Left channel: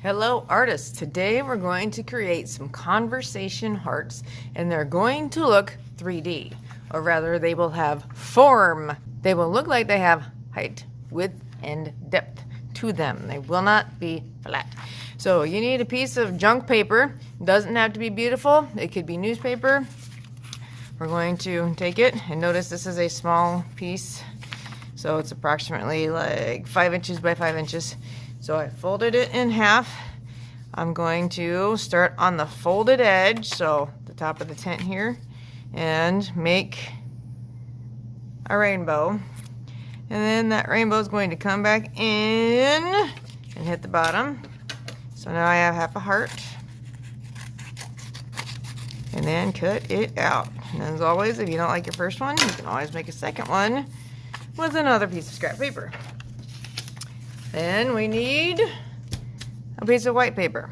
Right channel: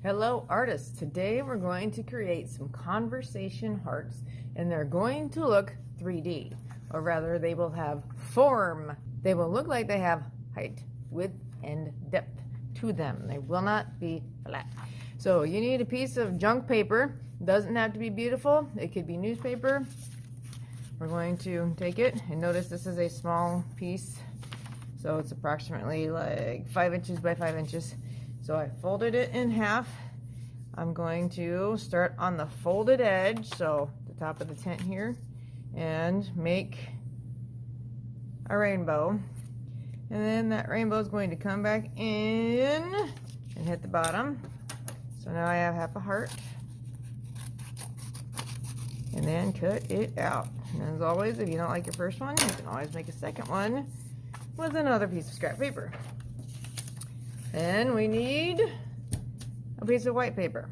Hello artists, today we're going to create some conversation hearts and they're going to look 3D, or rather they will have form. They will look like they have height, width, and depth to them. They will not be flat. So you need a piece of junk paper. It doesn't have to be beautiful, it could be newspaper. We're going to take it, and notice this is a small piece, so it's approximately like 5 inches by 5 inches. So I folded it in half. I'm going to start on the folded edge, so the top of the tent here, and make a rainbow. And then that rainbow is going to come back in and hit the bottom. So now I have half a heart. And then cut it out. And as always, if you don't like your first one, you can always make a second one with another piece of scrap paper. Then we need a piece of white paper,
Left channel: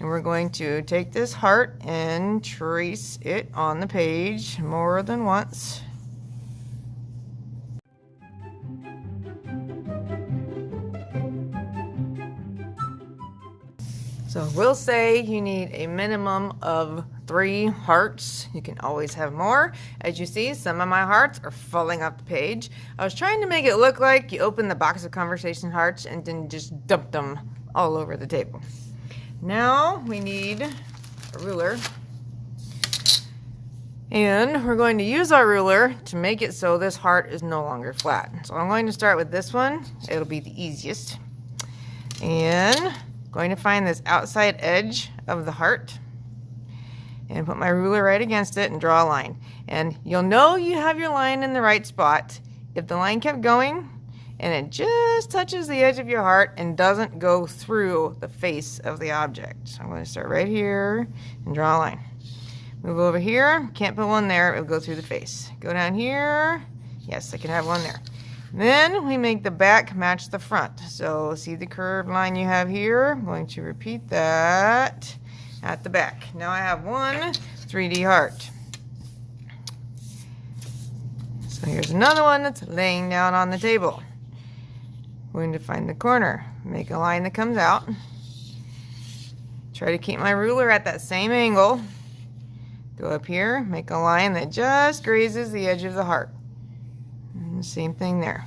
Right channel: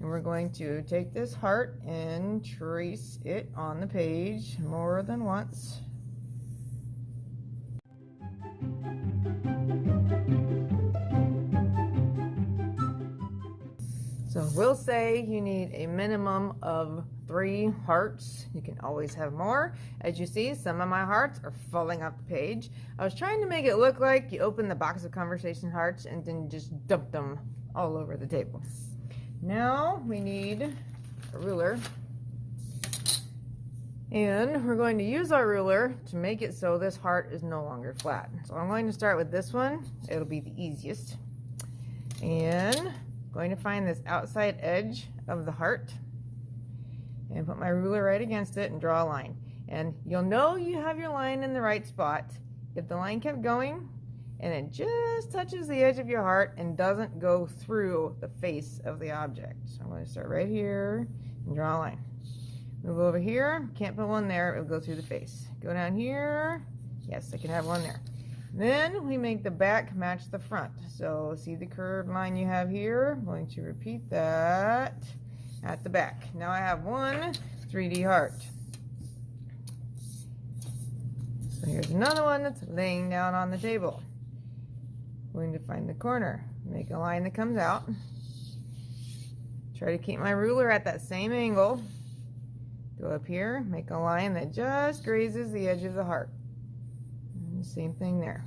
and we're going to take this heart and trace it on the page more than once. So we'll say you need a minimum of 3 hearts. You can always have more. As you see, some of my hearts are falling off the page. I was trying to make it look like you open the box of conversation hearts and then just dump them all over the table. Now we need a ruler. And we're going to use our ruler to make it so this heart is no longer flat. So I'm going to start with this one. It'll be the easiest. And going to find this outside edge of the heart and put my ruler right against it and draw a line. And you'll know you have your line in the right spot if the line kept going and it just touches the edge of your heart and doesn't go through the face of the object. So I'm going to start right here and draw a line. Move over here, can't put one there, it'll go through the face. Go down here, yes, I can have one there. Then we make the back match the front. So see the curved line you have here? I'm going to repeat that at the back. Now I have one 3D heart. So here's another one that's laying down on the table. I'm going to find the corner, make a line that comes out. Try to keep my ruler at that same angle. Go up here, make a line that just grazes the edge of the heart. And the same thing there.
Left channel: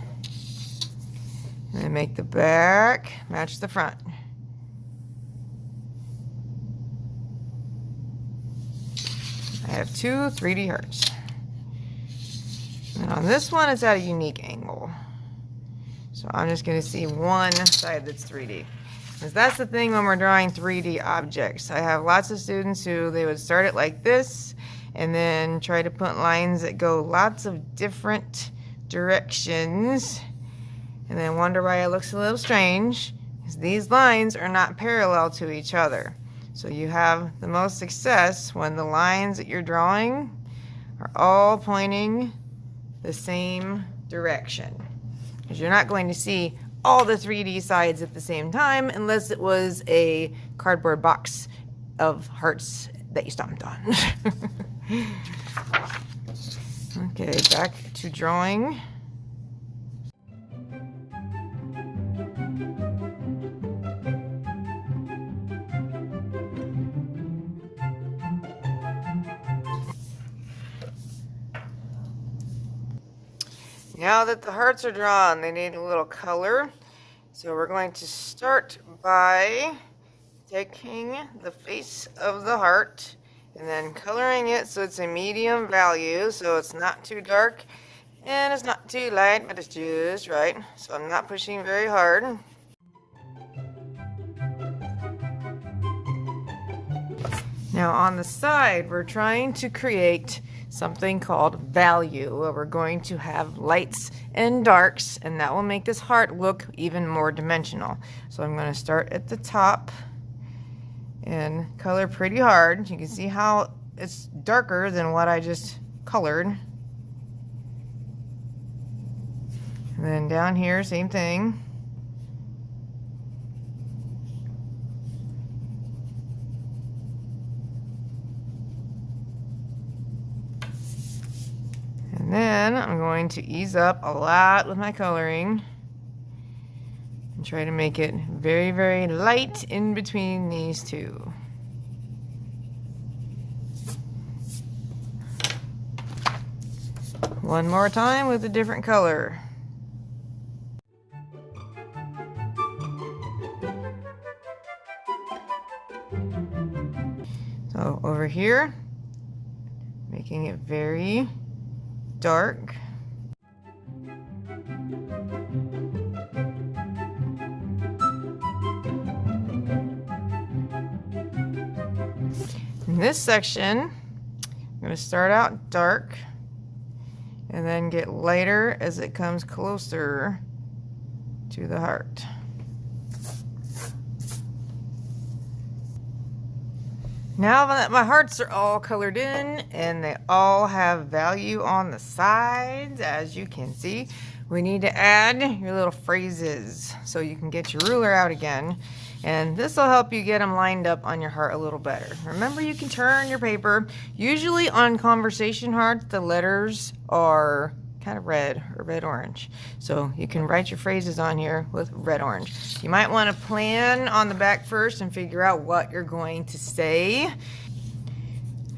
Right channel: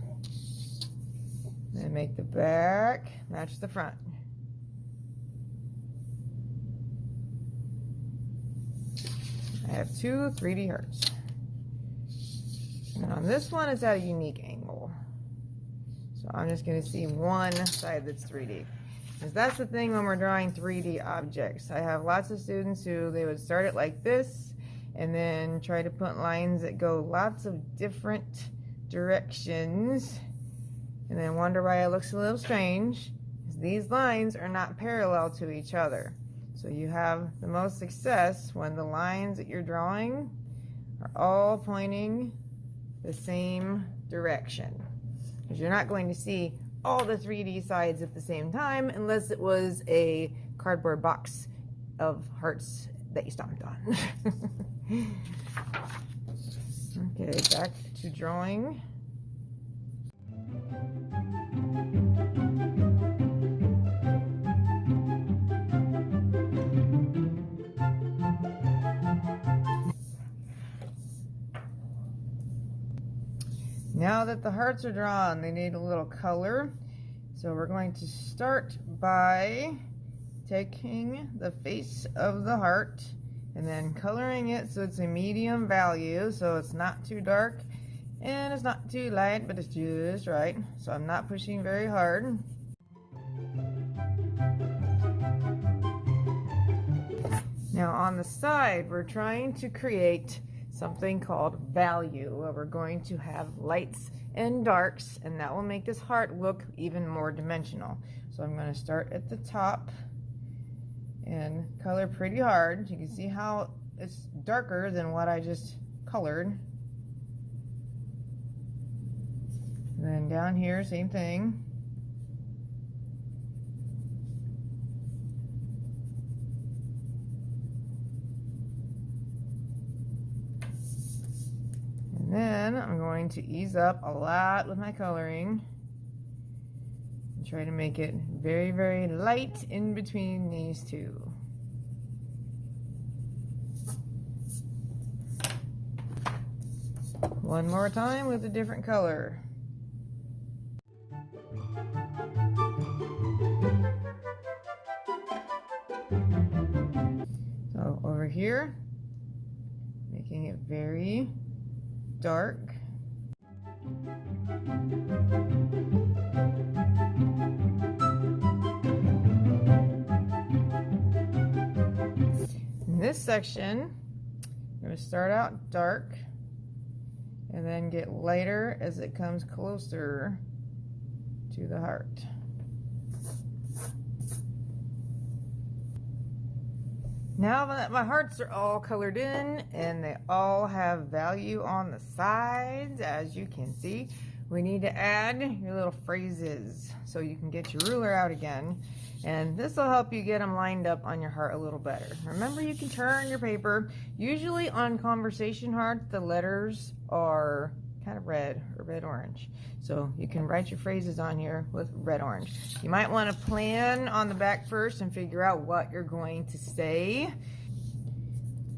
And make the back match the front. I have 2 3D hearts. And on this one, it's at a unique angle. So I'm just going to see one side that's 3D. Because that's the thing when we're drawing 3D objects. I have lots of students who they would start it like this and then try to put lines that go lots of different directions and then wonder why it looks a little strange, because these lines are not parallel to each other. So you have the most success when the lines that you're drawing are all pointing the same direction, because you're not going to see all the 3D sides at the same time unless it was a cardboard box of hearts that you stomped on. Okay, back to drawing. Now that the hearts are drawn, they need a little color. So we're going to start by taking the face of the heart and then coloring it so it's a medium value, so it's not too dark and it's not too light, but it's just right. So I'm not pushing very hard. Now on the side, we're trying to create something called value, where we're going to have lights and darks, and that will make this heart look even more dimensional. So I'm going to start at the top and color pretty hard. You can see how it's darker than what I just colored. And then down here, same thing. And then I'm going to ease up a lot with my coloring. And try to make it very, very light in between these two. One more time with a different color. So over here, making it very dark. In this section, I'm going to start out dark and then get lighter as it comes closer to the heart. Now that my hearts are all colored in and they all have value on the sides, as you can see, we need to add your little phrases so you can get your ruler out again. And this will help you get them lined up on your heart a little better. Remember, you can turn your paper. Usually on conversation hearts, the letters are kind of red or red-orange. So you can write your phrases on here with red-orange. You might want to plan on the back first and figure out what you're going to say.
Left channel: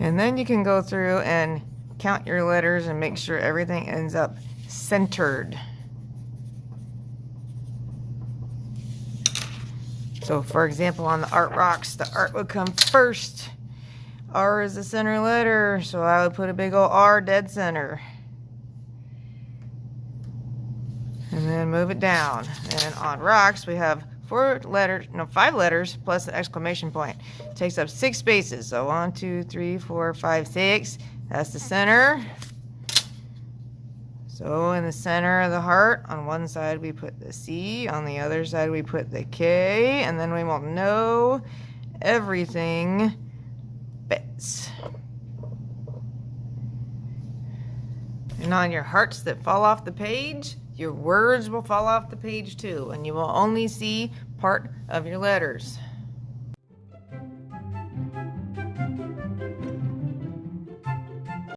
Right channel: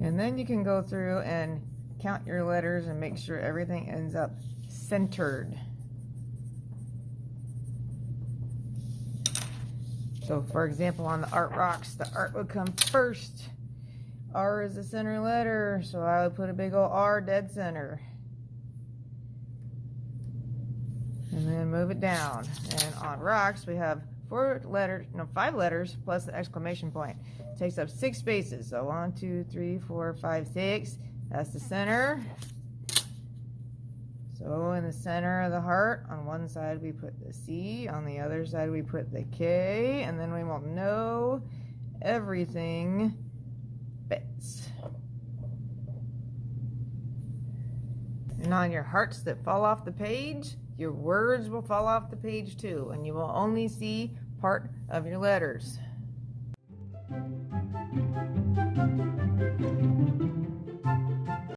And then you can go through and count your letters and make sure everything ends up centered. So for example, on the art rocks, the art would come first. R is the center letter, so I would put a big old R dead center. And then move it down. And on rocks, we have 5 letters plus an exclamation point. It takes up 6 spaces. So 1, 2, 3, 4, 5, 6. That's the center. So in the center of the heart, on one side we put the C, on the other side we put the K, and then we will know everything fits. And on your hearts that fall off the page, your words will fall off the page too, and you will only see part of your letters.